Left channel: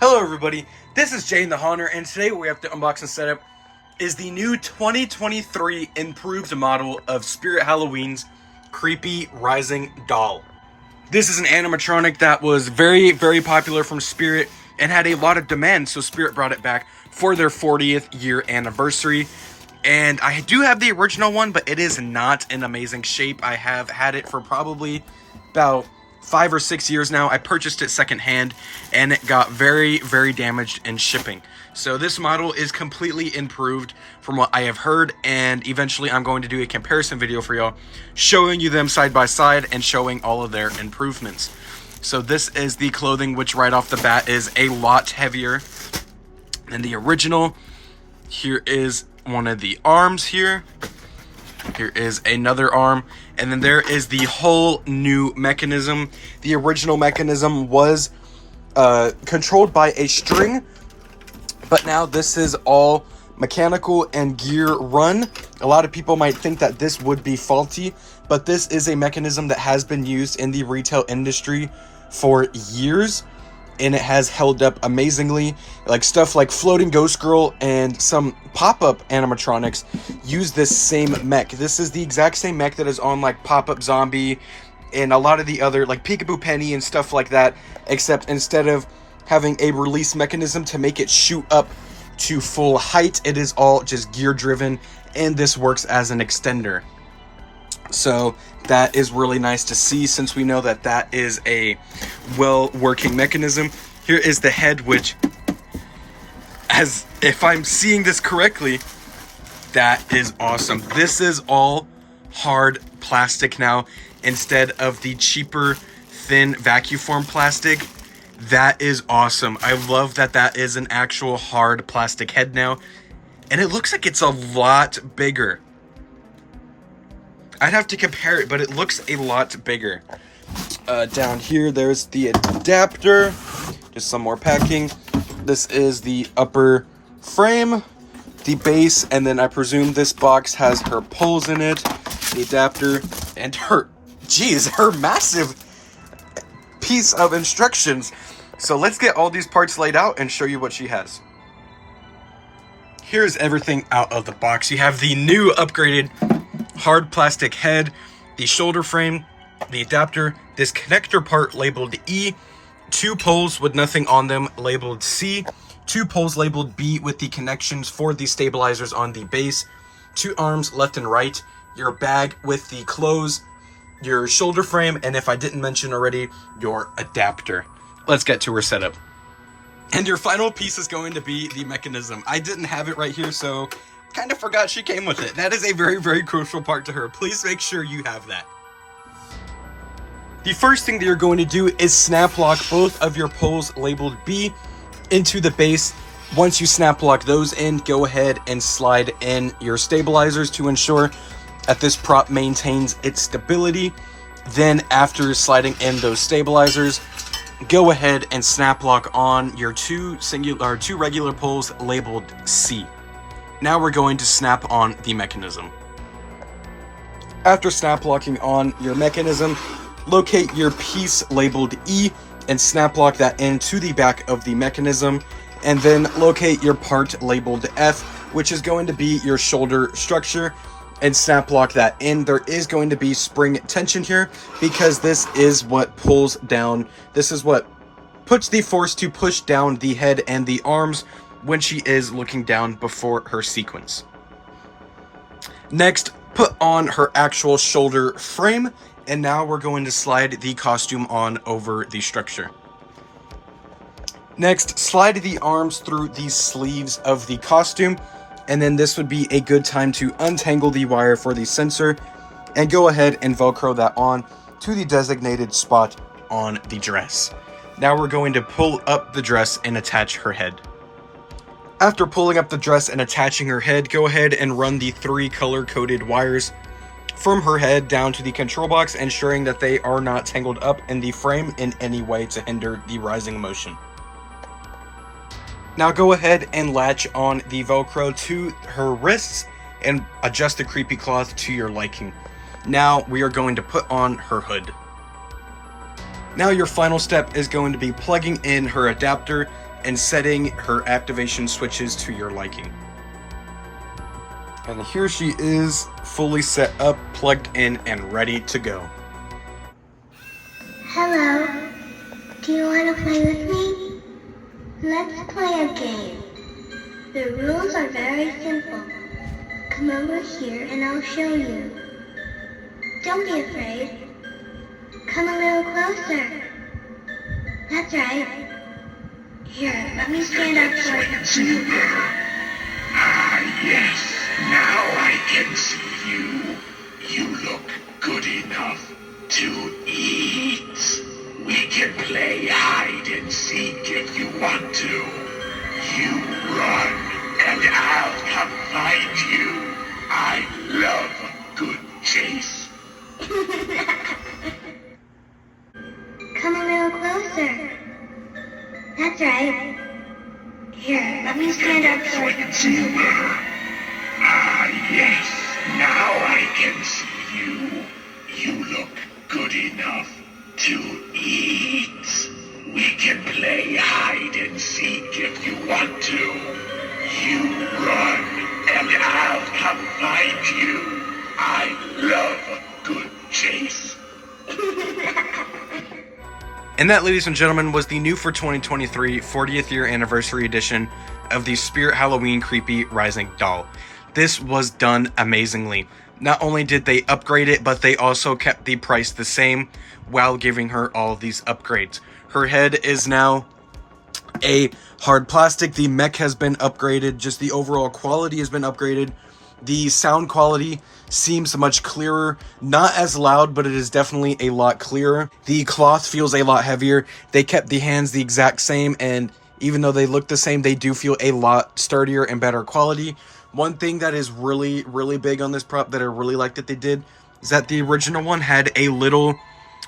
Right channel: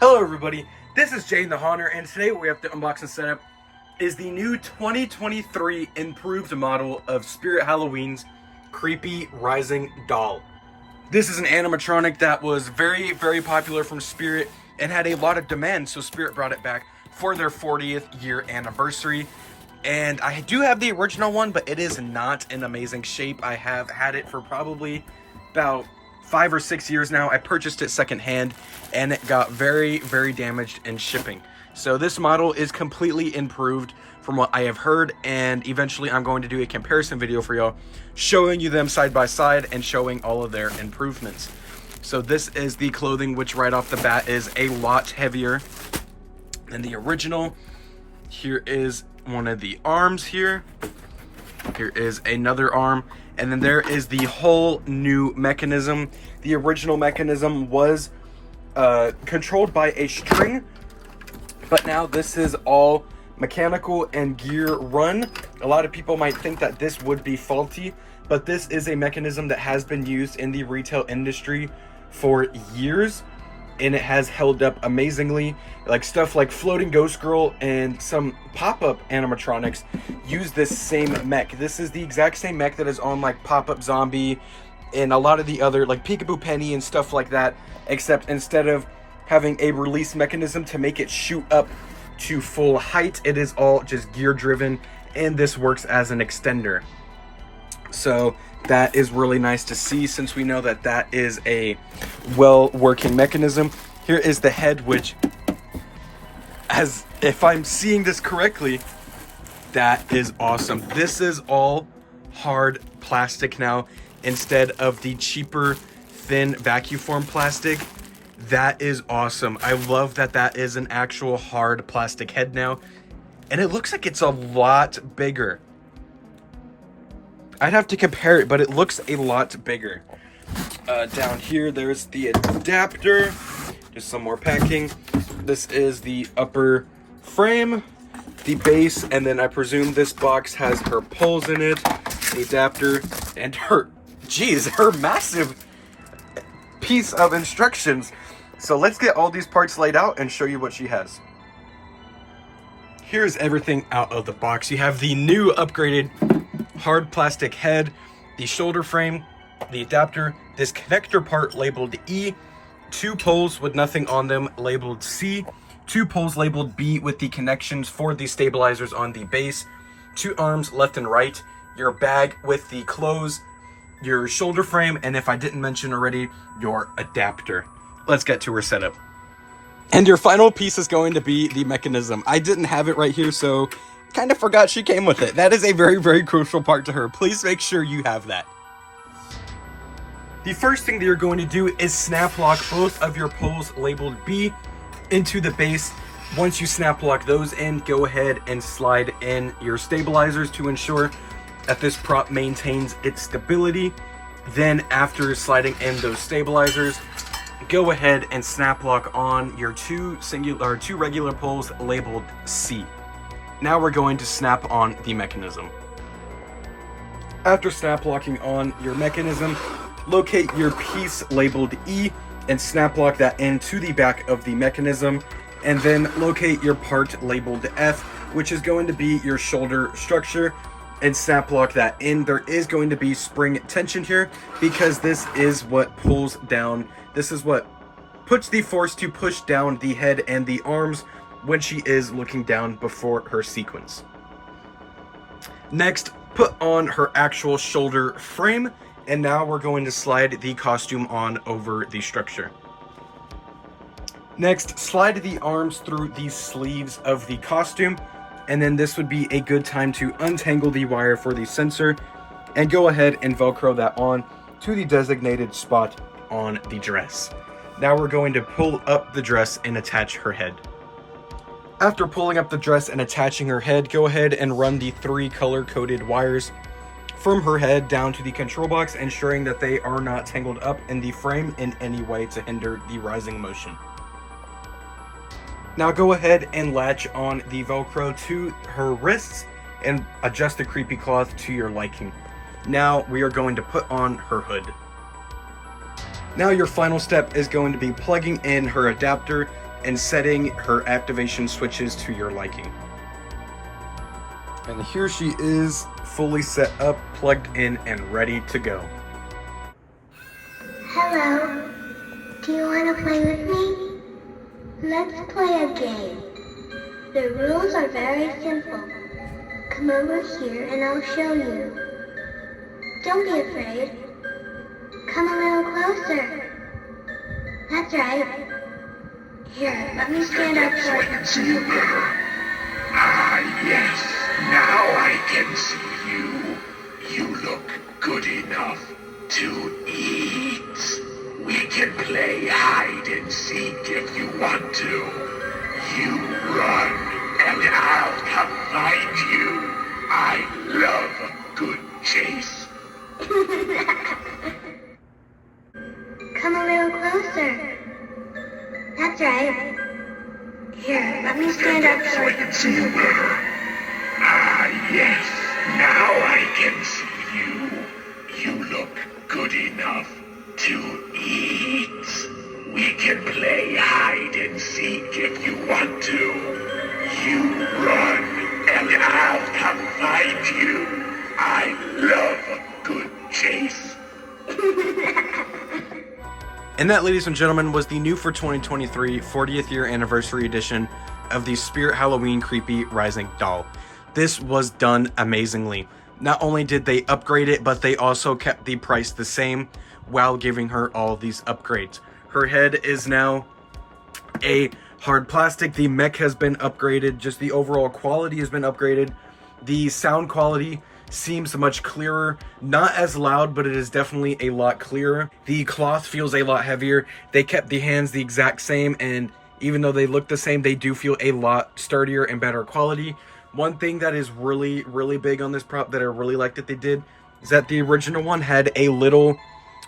Hello everybody, this is Jay the Haunter, and today what we have to unbox and set up is the new 2023 improved model of Spirit Halloween's Creepy Rising Doll. This is an animatronic that was very popular from Spirit and had a lot of demand, so Spirit brought it back for their 40th year anniversary. And I do have the original one, but it is not in amazing shape. I have had it for probably about 5 or 6 years now. I purchased it secondhand and it got very damaged in shipping. So this model is completely improved from what I have heard, and eventually I'm going to do a comparison video for y'all showing you them side by side and showing all of their improvements. So this is the clothing, which right off the bat is a lot heavier than the original. Here is one of the arms here. Here is another arm, and then there is the whole new mechanism. The original mechanism was controlled by a string, but now this is all mechanical and gear run. A lot of people might think that this would be faulty, but this is a mechanism that has been used in the retail industry for years, and it has held up amazingly. Like stuff like Floating Ghost Girl and some pop-up animatronics use this same mech. This is the exact same mech that is on like Pop-Up Zombie and a lot of the other like Peekaboo Penny and stuff like that, except instead of having a release mechanism to make it shoot up to full height, it is all just gear driven, and this works as an extender. So that is really nice to see, since we know that that is a well-working mechanism. Here is the head, which, as if I'm seeing this correctly, that is awesome. This is all hard plastic now instead of the cheaper thin vacuum form plastic. That is awesome. I love that that is an actual hard plastic head now, and it looks like it's a lot bigger. I'd have to compare it, but it looks a lot bigger. Down here, there's the adapter. Just some more packing. This is the upper frame, the base, and then I presume this box has her poles in it, the adapter, and her massive piece of instructions. So let's get all these parts laid out and show you what she has. Here's everything out of the box. You have the new upgraded hard plastic head, the shoulder frame, the adapter, this connector part labeled E, 2 poles with nothing on them labeled C, 2 poles labeled B with the connections for the stabilizers on the base, 2 arms left and right, your bag with the clothes, your shoulder frame, and if I didn't mention already, your adapter. Let's get to her setup. And your final piece is going to be the mechanism. I didn't have it right here, so kind of forgot she came with it. That is a very crucial part to her. Please make sure you have that. The first thing that you're going to do is snap lock both of your poles labeled B into the base. Once you snap lock those in, go ahead and slide in your stabilizers to ensure that this prop maintains its stability. Then after sliding in those stabilizers, go ahead and snap lock on your two regular poles labeled C. Now we're going to snap on the mechanism. After snap locking on your mechanism, locate your piece labeled E and snap lock that into the back of the mechanism, and then locate your part labeled F, which is going to be your shoulder structure, and snap lock that in. There is going to be spring tension here because this is what pulls down. This is what puts the force to push down the head and the arms when she is looking down before her sequence. Next, put on her actual shoulder frame, and now we're going to slide the costume on over the structure. Next, slide the arms through the sleeves of the costume, and then this would be a good time to untangle the wire for the sensor and go ahead and Velcro that on to the designated spot on the dress. Now we're going to pull up the dress and attach her head. After pulling up the dress and attaching her head, go ahead and run the 3 color-coded wires from her head down to the control box, ensuring that they are not tangled up in the frame in any way to hinder the rising motion. Now go ahead and latch on the Velcro to her wrists and adjust the creepy cloth to your liking. Now we are going to put on her hood. Now your final step is going to be plugging in her adapter and setting her activation switches to your liking. And here she is, fully set up, plugged in, and ready to go. Hello. Do you want to play with me? Let's play a game. The rules are very simple. Come over here and I'll show you. Don't be afraid. Come a little closer. That's right. Here, let me stand up so I can see you better. Ah, yes. Now I can see you. You look good enough to eat. We can play hide and seek if you want to. You run, and I'll come find you. I love a good chase. Come a little closer. That's right. Here, let me stand up so I can see you better. Ah, yes. Now I can see you. You look good enough to eat. We can play hide and seek if you want to. You run, and I'll come find you. I love a good chase. And that, ladies and gentlemen, was the new for 2023 40th year anniversary edition of the Spirit Halloween Creepy Rising doll. This was done amazingly. Not only did they upgrade it, but they also kept the price the same while giving her all these upgrades. Her head is now a hard plastic. The mech has been upgraded. Just the overall quality has been upgraded. The sound quality seems much clearer. Not as loud, but it is definitely a lot clearer. The cloth feels a lot heavier. They kept the hands the exact same, and even though they look the same, they do feel a lot sturdier and better quality. One thing that is really, really big on this prop that I really like that they did is that the original one had a little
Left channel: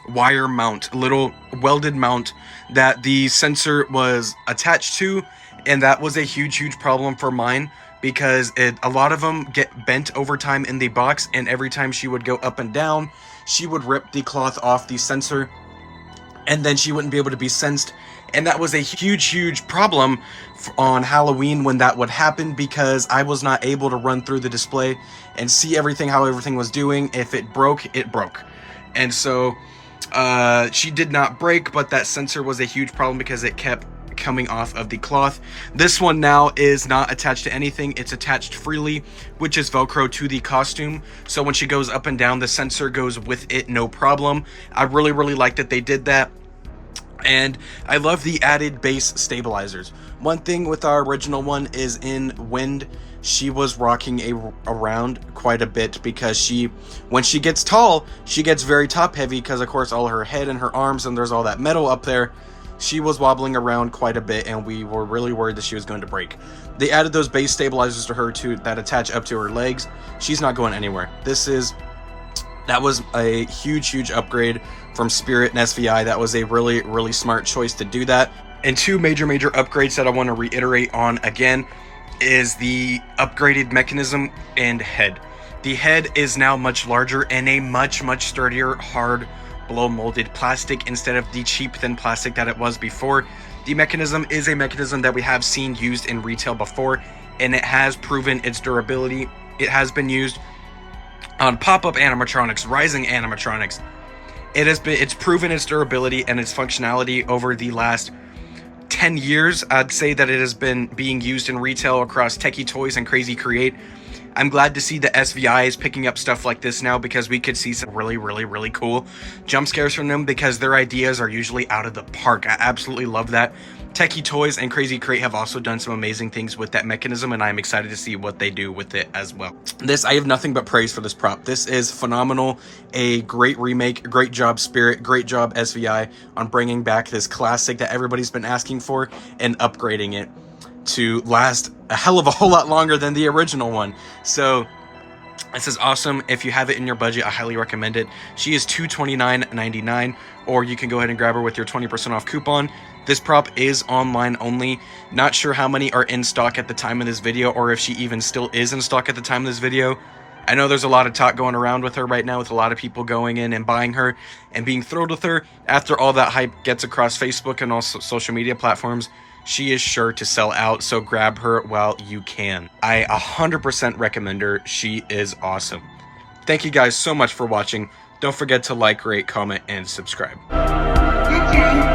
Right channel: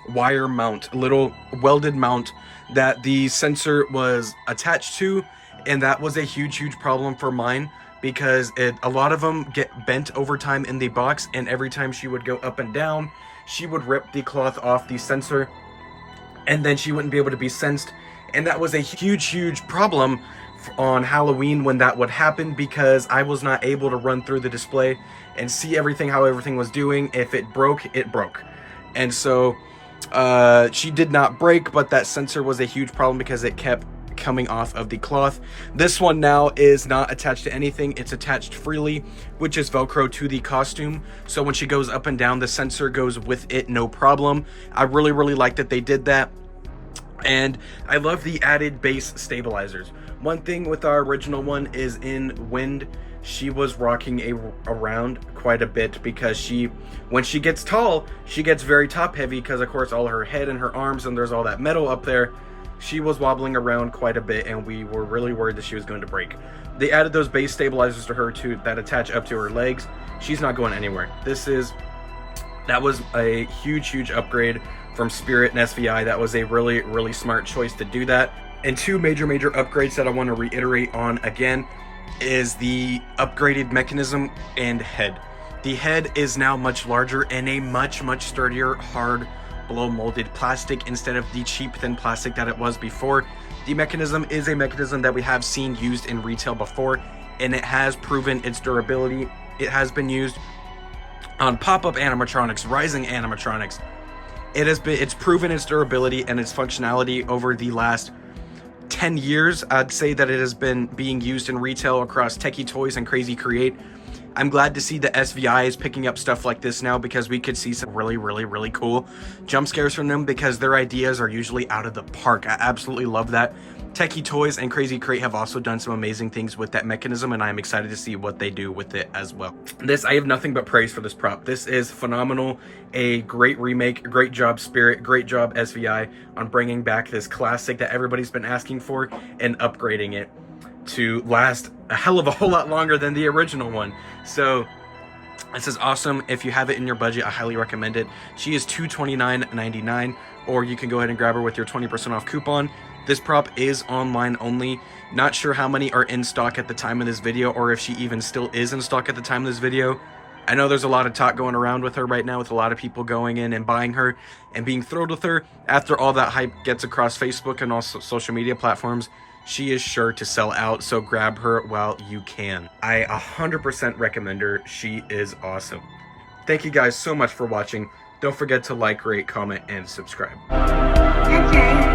wire mount, little welded mount that the sensor was attached to, and that was a huge problem for mine because a lot of them get bent over time in the box, and every time she would go up and down, she would rip the cloth off the sensor, and then she wouldn't be able to be sensed. And that was a huge problem on Halloween when that would happen, because I was not able to run through the display and see everything, how everything was doing. If it broke, it broke. And so she did not break, but that sensor was a huge problem because it kept coming off of the cloth. This one now is not attached to anything. It's attached freely, which is Velcro to the costume. So when she goes up and down, the sensor goes with it, no problem. I really like that they did that. And I love the added base stabilizers. One thing with our original one is in wind, she was rocking around quite a bit because when she gets tall, she gets very top heavy because of course all her head and her arms, and there's all that metal up there. She was wobbling around quite a bit, and we were really worried that she was going to break. They added those base stabilizers to her that attach up to her legs. She's not going anywhere. That was a huge upgrade from Spirit and SVI. That was a really smart choice to do that. And two major upgrades that I want to reiterate on again is the upgraded mechanism and head. The head is now much larger and a much sturdier, hard blow molded plastic instead of the cheap thin plastic that it was before. The mechanism is a mechanism that we have seen used in retail before, and it has proven its durability. It has been used on pop-up animatronics, rising animatronics. It's proven its durability and its functionality over the last 10 years. I'd say that it has been being used in retail across Techie Toys and Crazy Create. I'm glad to see that SVI is picking up stuff like this now, because we could see some really cool jump scares from them, because their ideas are usually out of the park. I absolutely love that. Techie Toys and Crazy Crate have also done some amazing things with that mechanism, and I'm excited to see what they do with it as well. I have nothing but praise for this prop. This is phenomenal. A great remake. Great job, Spirit. Great job, SVI, on bringing back this classic that everybody's been asking for and upgrading it to last a hell of a whole lot longer than the original one. So this is awesome. If you have it in your budget, I highly recommend it. She is $229.99, or you can go ahead and grab her with your 20% off coupon. This prop is online only. Not sure how many are in stock at the time of this video, or if she even still is in stock at the time of this video. I know there's a lot of talk going around with her right now, with a lot of people going in and buying her and being thrilled with her after all that hype gets across Facebook and also social media platforms. she is sure to sell out, so grab her while you can. I 100% recommend her. She is awesome. Thank you guys so much for watching. Don't forget to like, rate, comment, and subscribe. That's right.